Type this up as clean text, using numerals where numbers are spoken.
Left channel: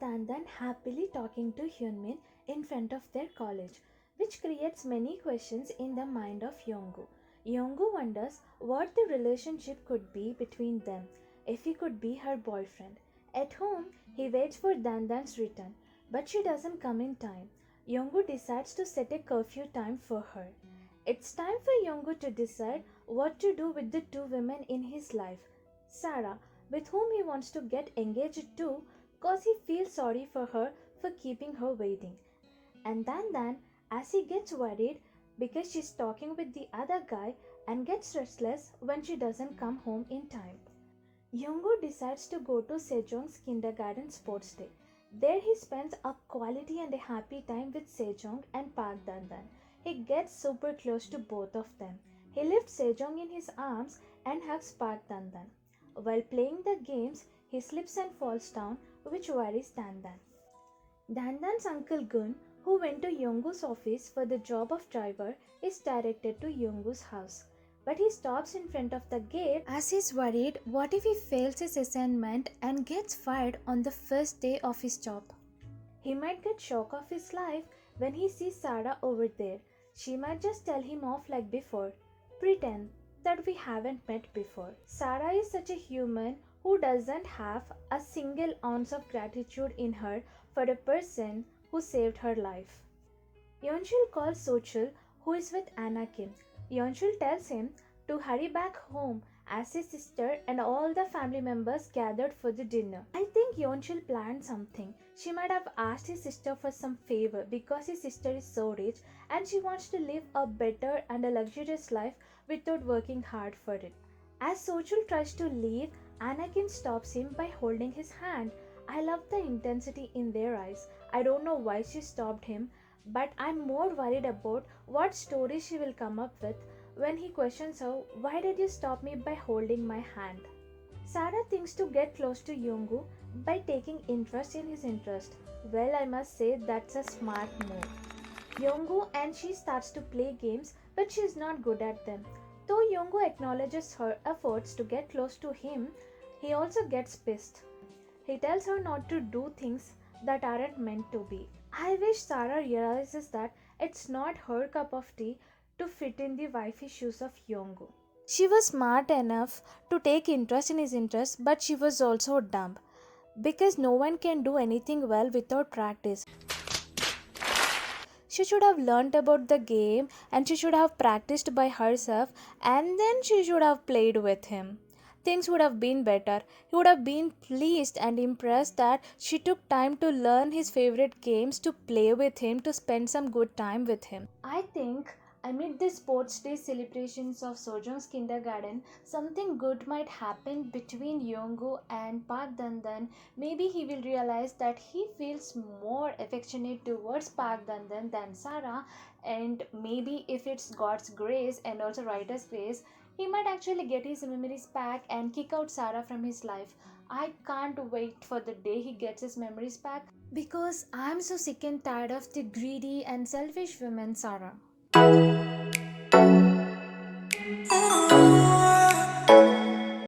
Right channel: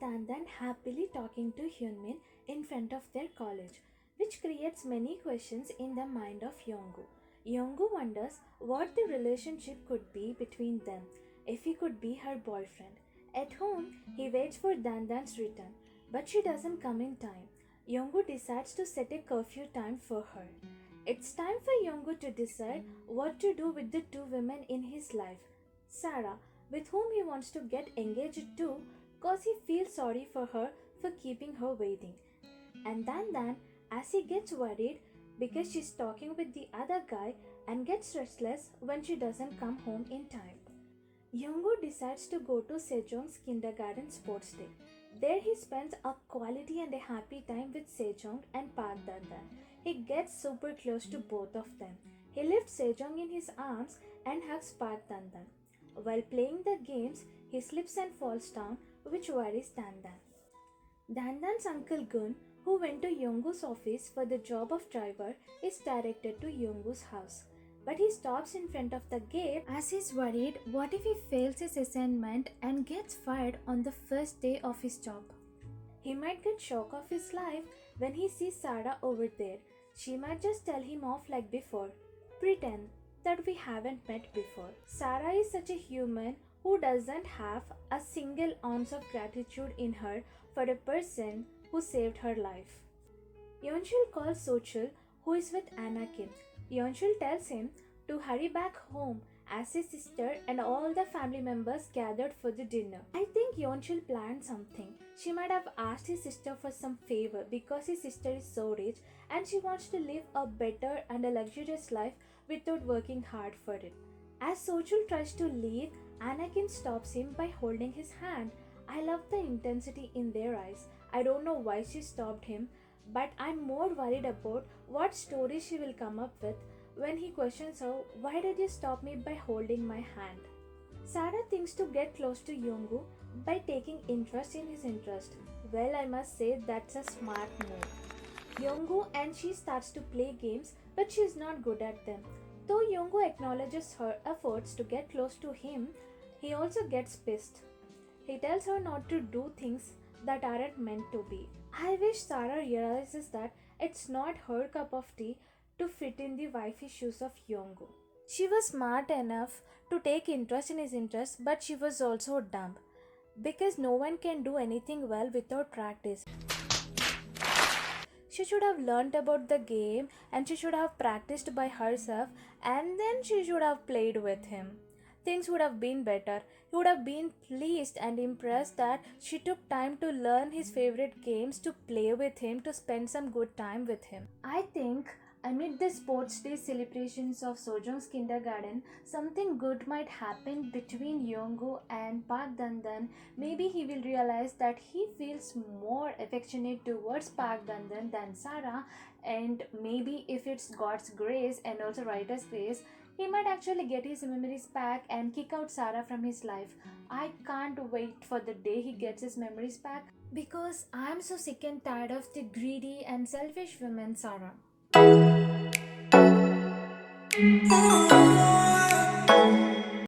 Dan Dan happily talking to Hyunmin in front of their college, which creates many questions in the mind of Yonggu. Yonggu wonders what the relationship could be between them if he could be her boyfriend. At home, he waits for Dan Dan's return, but she doesn't come in time. Yonggu decides to set a curfew time for her. It's time for Yonggu to decide what to do with the two women in his life. Sarah, with whom he wants to get engaged to, cause he feels sorry for her for keeping her waiting. And Dan, as he gets worried because she's talking with the other guy and gets restless when she doesn't come home in time. Yonggu decides to go to Sejong's kindergarten sports day. There he spends a quality and a happy time with Sejong and Park Dandan. He gets super close to both of them. He lifts Sejong in his arms and hugs Park Dandan. While playing the games, he slips and falls down, which worries Dandan. Dandan's uncle Gun, who went to Yonggu's office for the job of driver, is directed to Yonggu's house. But he stops in front of the gate as he's worried what if he fails his assignment and gets fired on the first day of his job. He might get shock of his life when he sees Sarah over there. She might just tell him off like before, pretend that we haven't met before. Sarah is such a human who doesn't have a single ounce of gratitude in her for a person who saved her life. Yeonchul calls Sochul, who is with Anakin. Yeonchul tells him to hurry back home as his sister and all the family members gathered for the dinner. I think Yeonchul planned something. She might have asked his sister for some favor because his sister is so rich and she wants to live a better and a luxurious life without working hard for it. As Sochul tries to leave, Anakin stops him by holding his hand. I love the intensity in their eyes. I don't know why she stopped him, but I'm more worried about what story she will come up with when he questions her, why did you stop me by holding my hand? Sarah thinks to get close to Yonggu by taking interest in his interest. Well, I must say that's a smart move. Yonggu and she starts to play games, but she is not good at them. Though Yonggu acknowledges her efforts to get close to him, he also gets pissed. He tells her not to do things that aren't meant to be. I wish Sarah realizes that it's not her cup of tea to fit in the wifey shoes of Yonggu. She was smart enough to take interest in his interest, but she was also dumb. Because no one can do anything well without practice. She should have learnt about the game and she should have practiced by herself and then she should have played with him. Things would have been better. He would have been pleased and impressed that she took time to learn his favorite games, to play with him, to spend some good time with him. I think amid the sports day celebrations of Sojong's kindergarten, something good might happen between Yonggu and Park Dandan. Maybe he will realize that he feels more affectionate towards Park Dandan than Sarah, and maybe if it's God's grace and also writer's grace, he might actually get his memories back and kick out Sarah from his life. I can't wait for the day he gets his memories back because I'm so sick and tired of the greedy and selfish women, Sarah.